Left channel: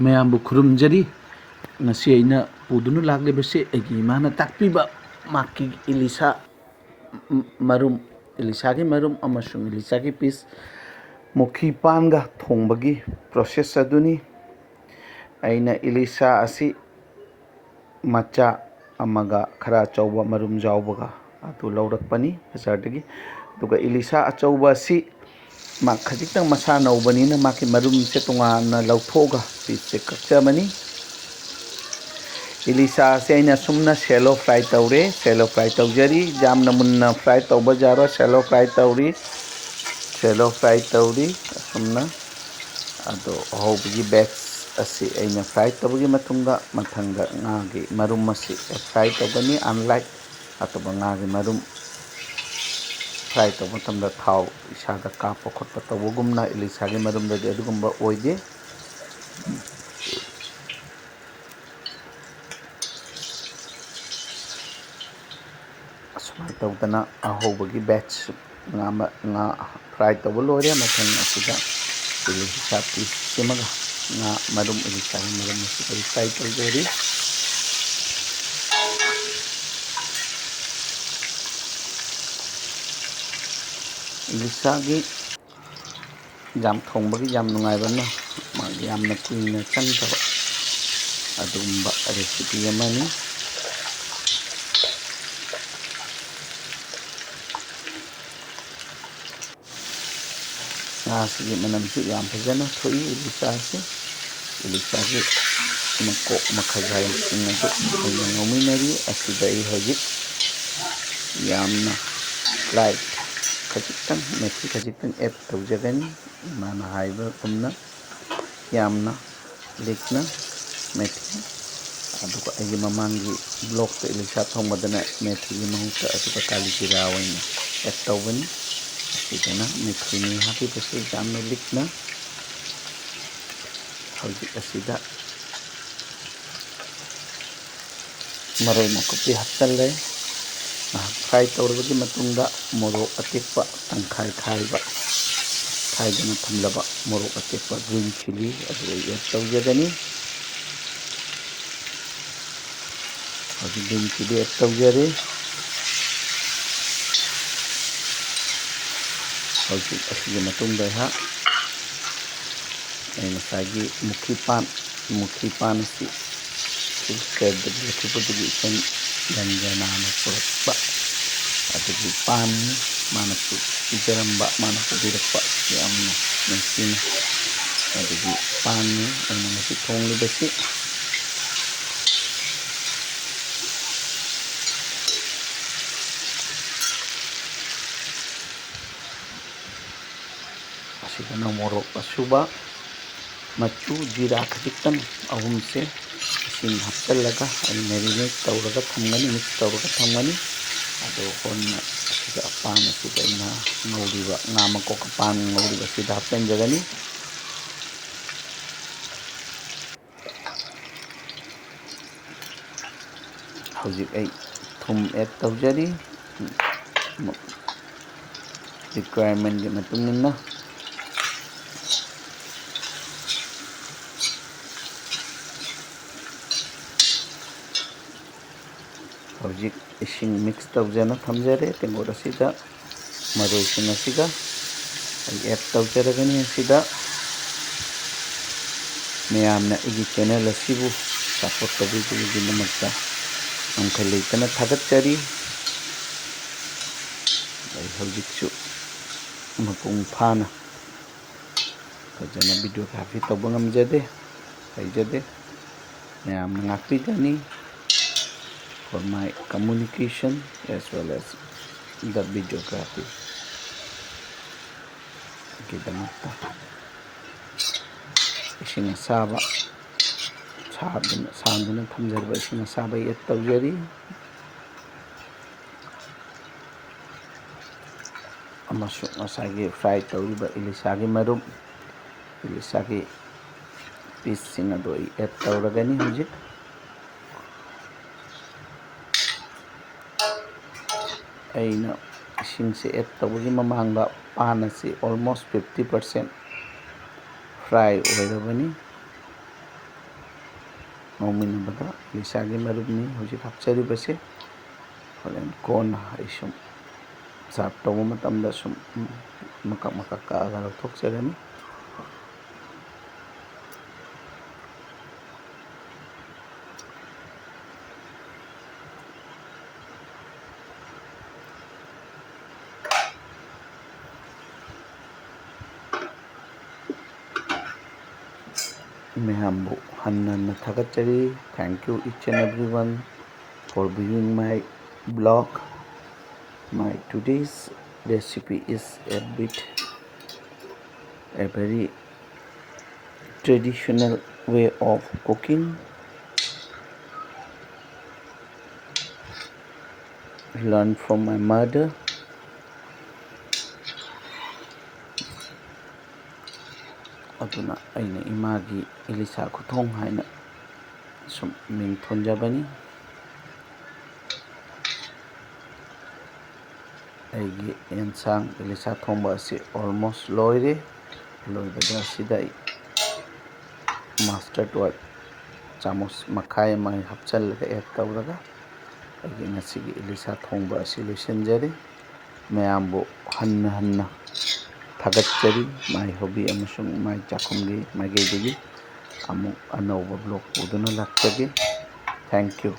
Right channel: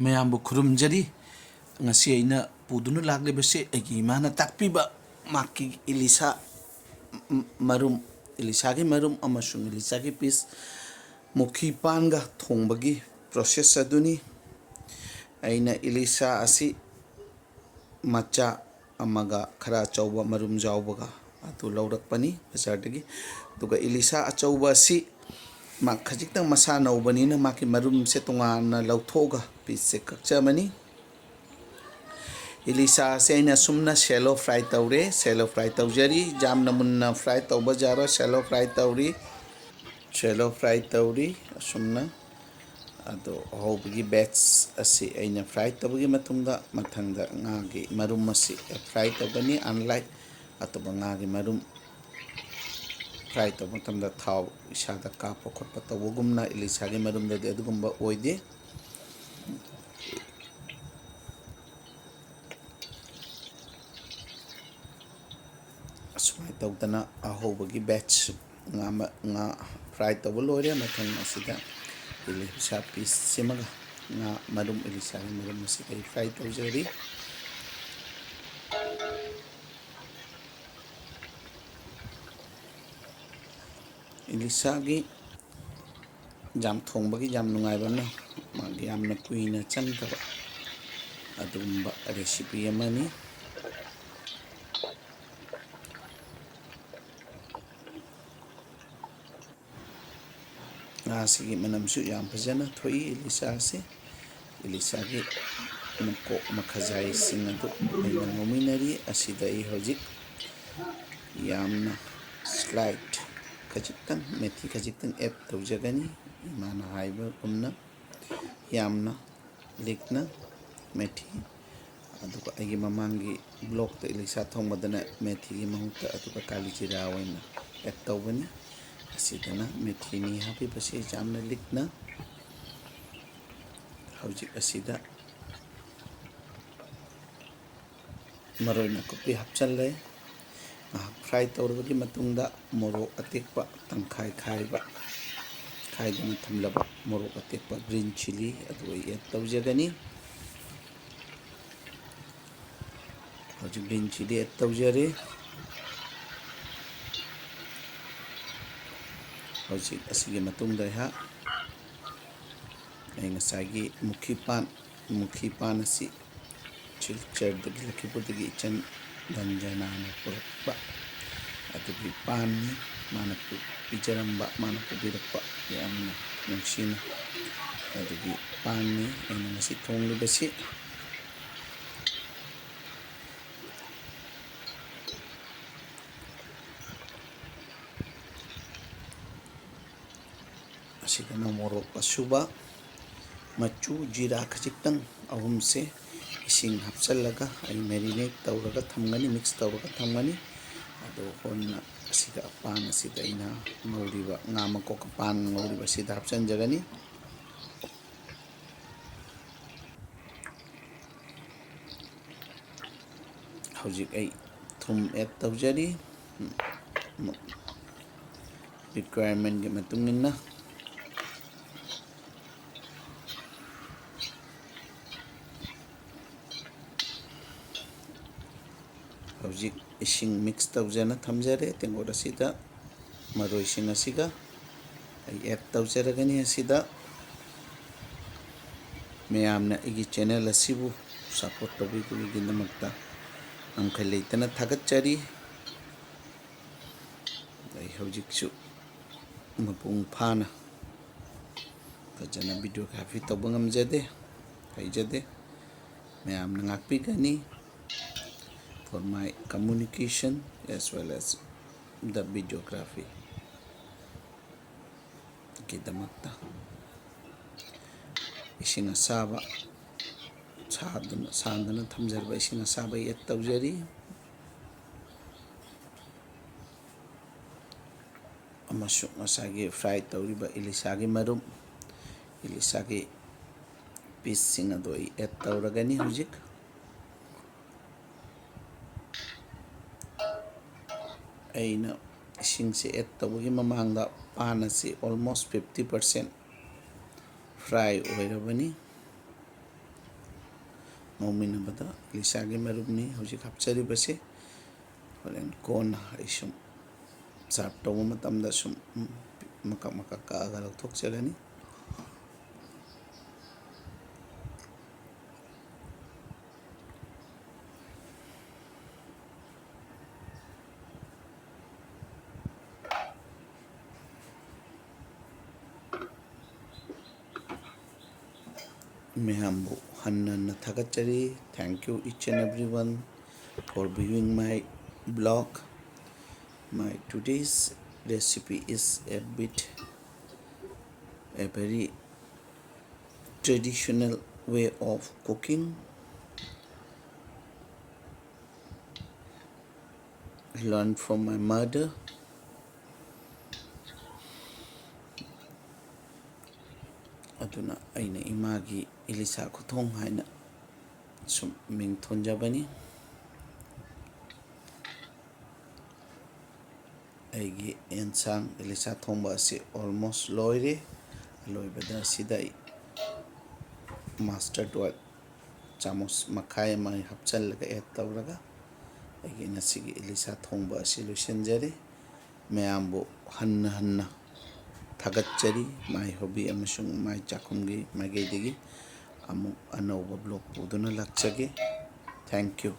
ꯃꯌꯥꯝꯕꯨ ꯈꯨꯔꯨꯝꯖꯔꯤ ngasi aina pudunu lagle bese egi mana takpiba maki ilisa marum ilisa gi marum amasung ilisa gi pis mukhi panga thongbagi process aduni aina ilisa asi macha amaga khara chauba marum jawbaga atu laurakpani bazardagi duga ilisa achauba asi mak khajitang masa naubani na maki marum se tonga na lauthoga pis se kakchamani Ilisha se aina sumna shallow fry taure shallow fry taujari jamna munna fry tauba jaro shallow fry tauri sumna ado hobigi batch asi aina fry tabugi matunga mathanga ngagi marum asi fry tabani unlike atoba ngagi marum fry tabu tamda thau isada kapa khotpa tabugumna ilisha gi marum dadi adugumba oide asumai tawdana ahobagi batch nga fry tabu lore mathang asida ilisa piece semaga nga marum ilisa marum asida fry tawjari ilisa gi jam thongbagi jam nungaibana magi yamna kuina changtaba adumba recipe amani ngasi manamsu yam phajana thoi ilisa se ilisa gi mako makhajai singa du ngominari asida I hojik yamna slight khajitang methi khajitang add tawjagani mana haiba kumna yamna likna methi aduga agi mamangi block ta ilisa thongmadana methi gi mahuta aduga kalijira waina add tawbani asidana methi ni happy pase jamna likna hojik asida maroi makupi hapchalle fry tawrabagi matungda morok atekpa tangkhai khaiba khaidana thamlaba morok atekpa green chili aduga add tawjagani green chili add tawjare hojik asigi matungda ha ai masagi mukhi pan si chilked lakhipudugi chen ganjana na purpa adugi pan mana tu ijaramba mana pudirakpa yamna mesina adugi pan aina masi thonglibasi asigana morok asuba machu jira khajitang ahum se isin hapchallaga ai marinate tawraga thamgani mix tawraga thamgani ado honna asida pan asida ina ngauliba ngama ko pan ngauliba sida hapchanjagani hojik ai thum add tawjari requirement gi matungina hojik ising mix tawjana thamjare tengor asida maroi sing asiga ai add tawjaragani asida meyamna igi channel asibu support tabigi namakta amkha leitana thagatchari ai hojikchu mapung phana fajana videography tawba ngamjade haijade meyamna ngakpigani for my communication as well as the videography gidamakta ising asaba sanduna thamjarba ising asaba add tawjari amasung asagi fry tawriba ilisa gi marum ilisa gi piece sing ado add tawragani hojik aina ising se add tawagi mamangda pan asi almost 50% fry oirabani ꯉꯧꯃꯤꯟꯅꯕꯗ ꯏꯂꯤꯁꯥꯒꯤ ꯃꯔꯨꯝꯅꯤ ꯍꯧꯖꯤꯛ ꯍꯥꯞꯆꯔꯤꯕꯁꯦ ꯍꯣꯔꯦꯟ ꯀꯣꯟꯅ ꯑꯩ ꯁꯨꯝ ꯁꯥꯔꯞ ꯇꯧꯕ ꯃꯇꯝꯗ ꯁꯨꯝ ꯃꯀꯛ ꯃꯀꯛ ꯀꯛꯑꯒ ꯂꯧꯊꯣꯛꯆꯒꯅꯤ ꯃꯌꯥꯝꯕꯨ ꯍꯟꯅ ꯊꯥꯒꯠꯆꯔꯤ thank you each and every one for viewing my blog. My today's recipe is a very traditional way of cooking. I learned from my mother. Aduna aina Emagi Ilisha Khuthong haina sum ming thonjabani. ꯑꯩꯒꯤ ꯑꯦꯟꯁꯥꯡ ꯏꯂꯤꯁꯥ ꯊꯣꯡꯕ ꯑꯁꯤ almost ꯂꯣꯏꯔꯦ ꯂꯣꯏꯕꯗ ꯑꯁꯤꯗ ꯑꯩ ꯃꯥꯁꯇꯔꯗ oil ꯆꯥꯃꯁ ꯃꯈꯥꯏ ꯑꯃ ꯍꯥꯞꯆꯤꯜꯂꯒ ꯑꯦꯗ ꯇꯧꯔꯒ ꯑꯩꯒꯤ ꯉꯁꯤꯒꯤ ꯏꯂꯤꯁꯥ ꯊꯣꯡꯕ ꯑꯁꯤ ꯂꯣꯏꯁꯤꯟꯖꯔꯤ ꯃꯌꯥꯝꯕꯨ ꯍꯟꯅ ꯊꯥꯒꯠꯆꯔꯤ ꯃꯥꯏ ꯍꯣꯕꯤ ꯑꯃꯁꯨꯡ ꯃꯥꯏ ꯆꯥꯛꯈꯨꯝꯒꯤ ꯃꯥꯏꯀꯩꯗꯒꯤ ꯑꯃꯨꯛ ꯑꯅꯧꯕ ꯕ꯭ꯂꯣꯛ ꯄꯨꯗꯨꯅ ꯂꯥꯛꯆꯒꯦ ꯊꯦꯡꯛ ꯌꯨ